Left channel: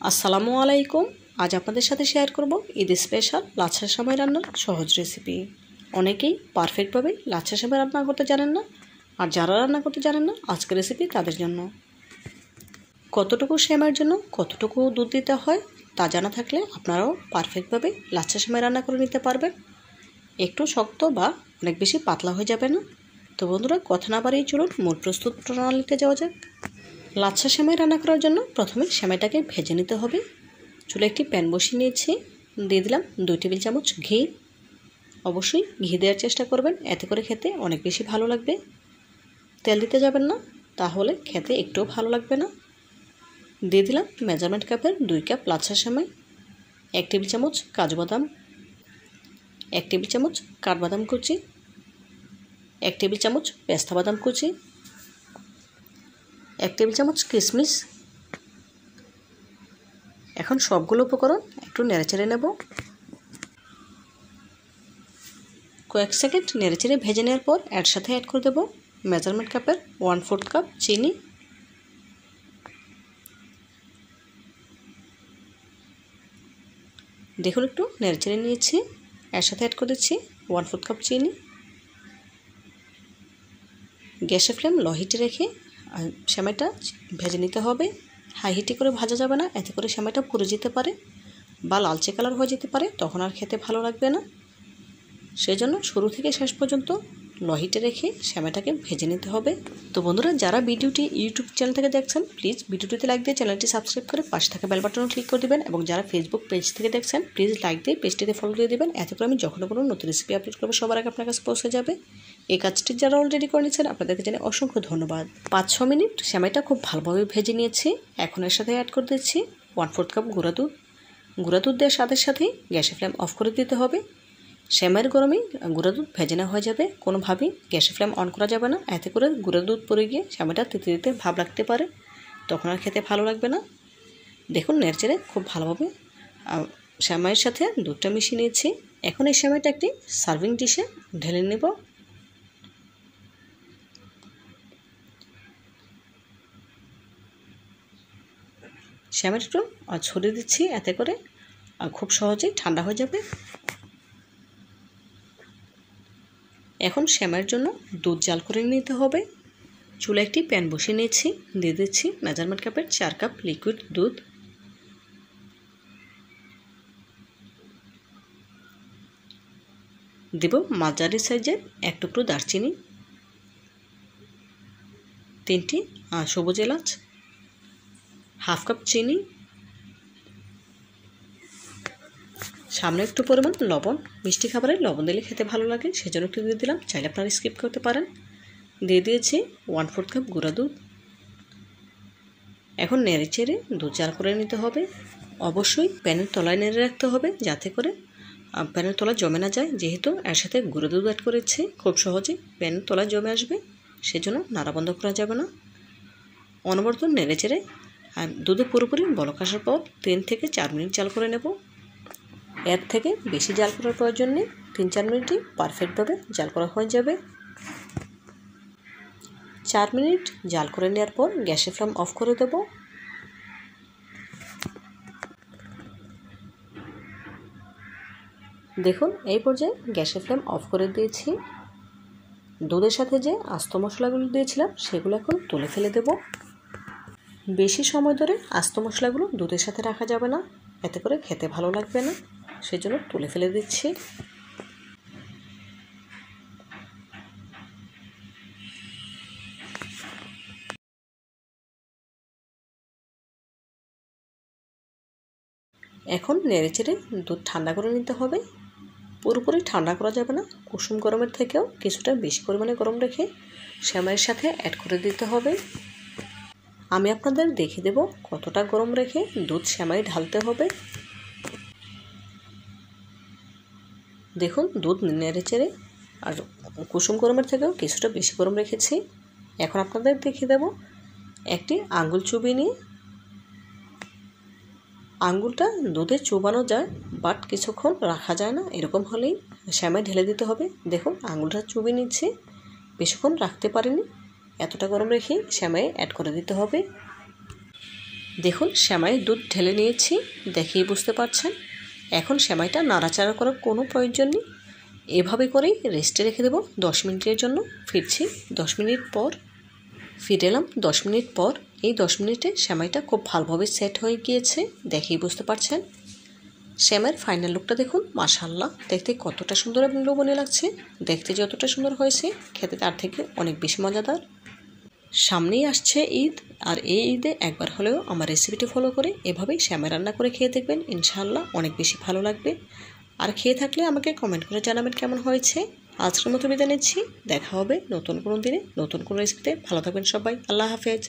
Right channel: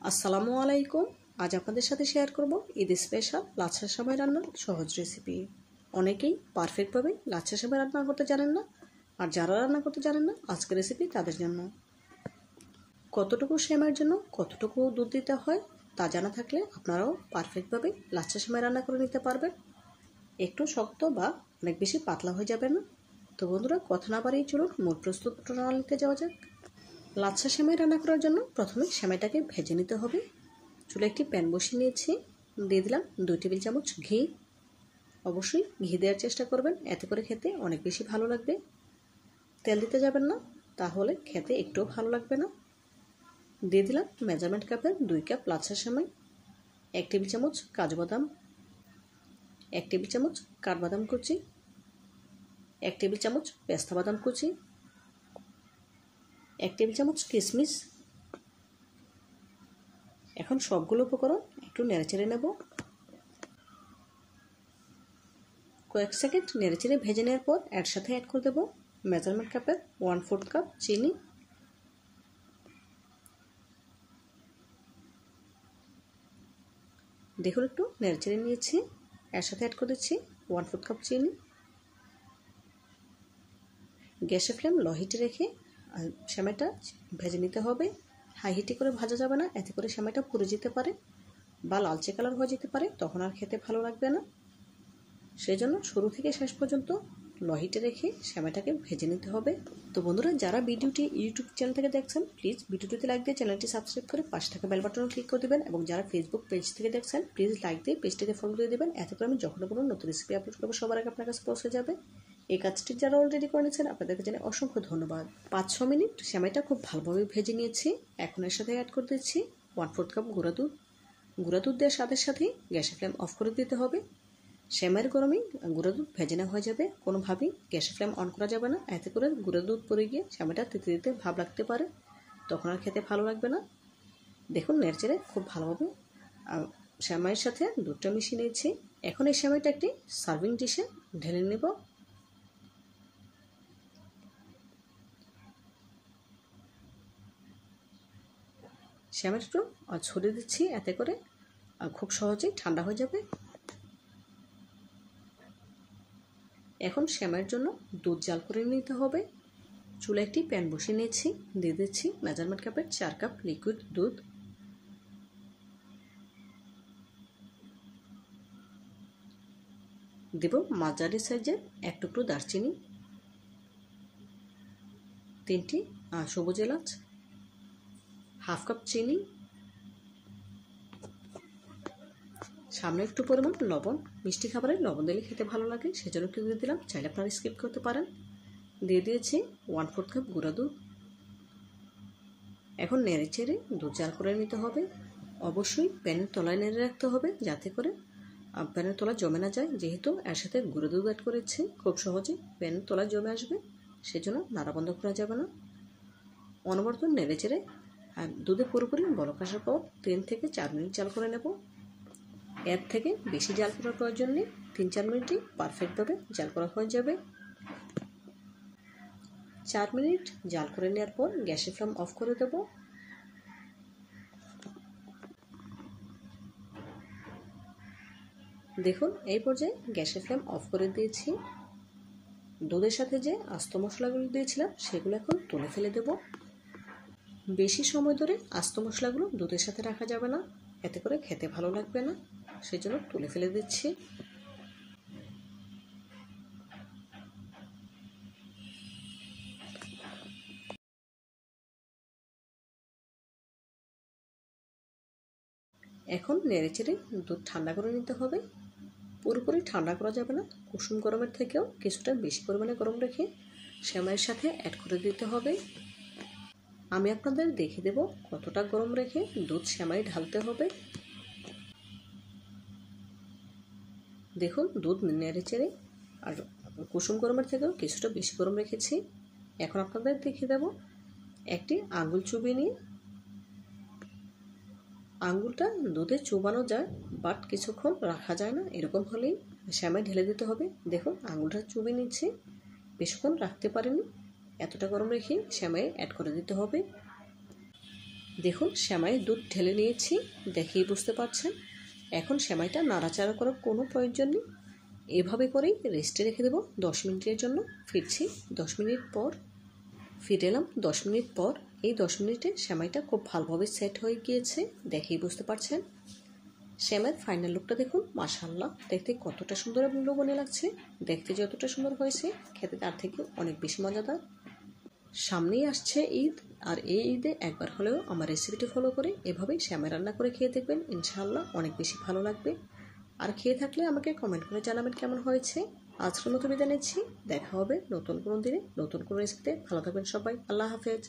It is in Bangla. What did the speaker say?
আসসালামু আলাইকুম। আজ আপনাদের সাথে শেয়ার করব ঈদ স্পেশাল লাচ্ছা সেমাই রান্নার সহজ রেসিপি। অনেকেই পারফেক্টভাবে লাচ্ছা সেমাই রান্না করতে জানেন না, আর যারা রান্না করতে জানেন না আজকের রেসিপি তাদের জন্য। কতটুকু সেমাইয়ের জন্য কতটুকু দুধ দিতে হয় তা জানা থাকলে আপনারাও পারফেক্টভাবে লাচ্ছা সেমাই রান্না করে নিতে পারবেন। একটু শক্ত বা অনেক বেশি পাতলা হয়ে যাবে না। তো বন্ধুরা, কথা না বাড়িয়ে চলুন মূল প্রস্তুত প্রণালীতে যাওয়া যাক। লাচ্ছা সেমাই রান্না করার জন্য প্রথমে সেমাইটাকে ভেজে নিতে হবে। চুলে একটি প্যান বসিয়ে নিয়েছি, দিয়ে দিলাম 2 টেবিল চামচ ঘি। অবশ্যই ঘি দেওয়ার চেষ্টা করবেন, এতে করে খেতে অনেক বেশি ভালো লাগবে। তেল দিতে যাবেন না, তাহলে খেতে একটুও ভালো লাগবে না। দিয়ে দিলাম মেজারমেন্ট কাপের 2 কাপ লাচ্ছা সেমাই, 1 টেবিল চামচ কাজু বাদাম, 1 টেবিল চামচ কাঠবাদাম কুচি, 1 টেবিল চামচ পেস্তা বাদাম কুচি, 1 টেবিল চামচ কিশমিশ। এখন সবগুলো উপকরণ একটু নেড়েচেড়ে নেব। কয়েক সেকেন্ড নেড়েচেড়ে ভেজে নেওয়ার পর এর সাথে অ্যাড করে দেব মেজারমেন্ট কাপের 1/4 কাপ চিনি। দেখুন একটু নেড়েচেড়ে নিয়েছি, এর সাথে অ্যাড করে দিচ্ছি 1/4 কাপ চিনি। গ্যাসের ফ্লেম লো হিটে রেখে সেমাইটা ভেজে নিতে হবে। হাই হিটে করে ভাজা যাবে না, এতে করে সেমাইটা পুড়ে যেতে পারে বা লালচে কালার হয়ে যেতে পারে, তখন আর খেতে ভালো লাগবে না। সেই জন্য শুরু থেকে শেষ পর্যন্ত লো হিটে রেখে সেমাইটাকে ভেজে নিতে হবে। তো বন্ধুরা, যারা ভিডিওটি ইউটিউব চ্যানেল থেকে দেখছেন প্লিজ ভিডিওটিতে লাইক দিয়ে চ্যানেলটি সাবস্ক্রাইব করে পাশে থাকা বেল বাটনও ক্লিক করে দেবেন, এবং যারা ফেসবুক পেজ থেকে দেখছেন প্লিজ লাইক দিয়ে পেজটিতে ফলো দিয়ে দেবেন, এতে করে আমি যখন কোনো নতুন রেসিপি আপলোড করবো সবার আগে আপনার কাছে পৌঁছে যাবে। এই কাজটি যারা অলরেডি করে নিয়েছেন আপনাদেরকে জানাই অসংখ্য ধন্যবাদ। 5-6 মিনিট সেমাইটা খুব ভালোভাবে ভেজে নিয়েছি। এখন এর সাথে অ্যাড করে দিচ্ছি 1/4 কাপ গুঁড়া দুধ। গুঁড়া দুধ দেওয়ার সাথে সাথেই গ্যাসের ফ্লেম অফ করে দিতে হবে। সেমাইয়ের গরমে গুঁড়া দুধ ভেজে নেওয়া হয়ে যাবে, কোনোভাবেই গ্যাসের ফ্লেম অন করা যাবে না, এতে করে গুঁড়া দুধ পড়ে গিয়ে সেমাইটা তেতে তেতে ভাব লাগতে পারে, তখন আর খেতে ভালো লাগবে না। দেখুন নেড়েচেড়ে খুব ভালোভাবে সেমাইয়ের সাথে দুধটা মিশিয়ে নিয়েছি। এখন এই সেমাইটা একটি সার্ভিং ডিশে ঢেলে নেব। সেমাইটা একটু ছড়িয়ে দিচ্ছি, এতে করে খুব সহজেই ঠান্ডা হয়ে যাবে। এখন সেমাইয়ের জন্য দুধ জাল করে নিতে হবে। চুলে একটি প্যান বসিয়ে নিয়েছি, দিয়ে দিচ্ছি মেজারমেন্ট কাপের 4 কাপ লিকুইড দুধ। দেব মাঝারি সাইজের 1 টুকরো দারচিনি, 3টি সবুজ এলাচ, হাফ কাপ চিনি, সামনে একটু পরিমাণ লবণ। মিষ্টি খাবারে লবণ দিলে খেতে ভালো লাগে, সেজন্য একটু দিয়ে দিলাম, চাইলে আপনারা স্কিপ করতে পারেন। দিয়ে দিয়েছি 1/4 কাপ গুঁড়া দুধ। এখন নেড়ে চেড়ে দুধ জাল করে নিতে হবে। অবশ্যই প্যানের তলায় নেড়ে রাখতে হবে, যাতে করে প্যানের তলায় জমে না যায়, যেহেতু এর সাথে গুঁড়ো দুধ অ্যাড করেছি খুব সহজে প্যানের তলায় জমে আসবে, সেজন্য নাড়া বন্ধ করা যাবে না। অনবরত নেড়ে চেড়ে আর দুধে পুরোপুরি বলক আসার পর 3 থেকে 4 মিনিট জাল করে নেব। এর থেকে বেশি জাল করার প্রয়োজন নেই, 3-4 মিনিটই পারফেক্টভাবে জাল করা হয়ে যাবে। 4 মিনিট জাল করে নেওয়ার পর গ্যাসের ফ্লেম অফ করে দেব। দেখুন এই পর্যায়ে গ্যাসের ফ্লেম অফ করে দিয়েছি। দুধের সাথে যে আস্ত মশলাগুলো দিয়েছিলাম সেগুলো এখন তুলে ফেলে দেব। বেশি সময় ধরে আস্ত মশলাগুলো দুধের সাথে রাখা যাবে না, এতে করে খেতে ভালো লাগবে না, সেজন্য তুলে ফেলে দিচ্ছি। এখন নেড়েচেড়ে দুধ ঠান্ডা করে নিতে হবে। পুরোপুরি ঠান্ডা করা যাবে না, কুসুম গরমের থেকেও কিছুটা বেশি পরিমাণে গরম রেখে সেমাইয়ের সাথে অ্যাড করে দিতে হবে। আমি আপনাদের দেখিয়ে দেব কতটা গরম রেখে দুধ সেমাই ঢালতে হবে। দেখুন দুধ নেড়েচেড়ে আর কুসুম গরমের থেকেও কিছুটা বেশি গরম রেখেছি। এখন আপনাদের দেখিয়ে দেব একটি আঙ্গুল চুবিয়ে নিয়ে, আঙ্গুলটা দুধে চুবানো যায় বাট কিছুক্ষণ রাখা যায় না, এরকম হলেই সেমাই ঢেলে দিতে হবে। দেখুন আঙ্গুলটা চুবিয়ে নিচ্ছে, বেশিক্ষণ রাখতে পারিনি, এতটা গরম রেখে সেমাই অ্যাড করে দিতে হবে। দেখুন সেমাইয়ের দুধ ঢেলে নিয়েছি, দেখেই বুঝতে পারছেন। এখন সেমাইটা নাড়াচাড়া করার কোনো প্রয়োজন নেই, এভাবে করেই রেস্টে রেখে দেবো 10 মিনিটের জন্য। ফিরছি 10 মিনিট পর। ফিরে এলাম 10 মিনিট পর। এই 10 মিনিটে সেমাইটা খুব ভালোভাবে সেট হয়ে গিয়েছে, দেখেই বুঝতে পারছেন। সেমাইয়ের ফাইনাল লুকটা দেখুন, মাশাআল্লাহ, দেখতে কতটা সুন্দর এবং লোভনীয় লাগছে। দেখতে যতটা সুন্দর হয়েছে, খেতে তার থেকে অনেক বেশি মজাদার। সামনেই আসছে ঈদ, আর এই ঈদে একবার হলেও আমার রেসিপিটি ফলো করে এভাবেই সেমাই রান্না করে খেয়ে দেখবেন, ইনশাআল্লাহ অনেক বেশি ভালো লাগবে। আর খেয়ে থাকলে আমাকে কমেন্ট করে জানাবেন কেমন হয়েছে। আজকের মতো বিদায় নিচ্ছি, দেখা হবে নতুন কোনো দিনে নতুন কোনো রেসিপিতে। ভালো থাকবেন সবাই, আল্লাহ হাফেজ।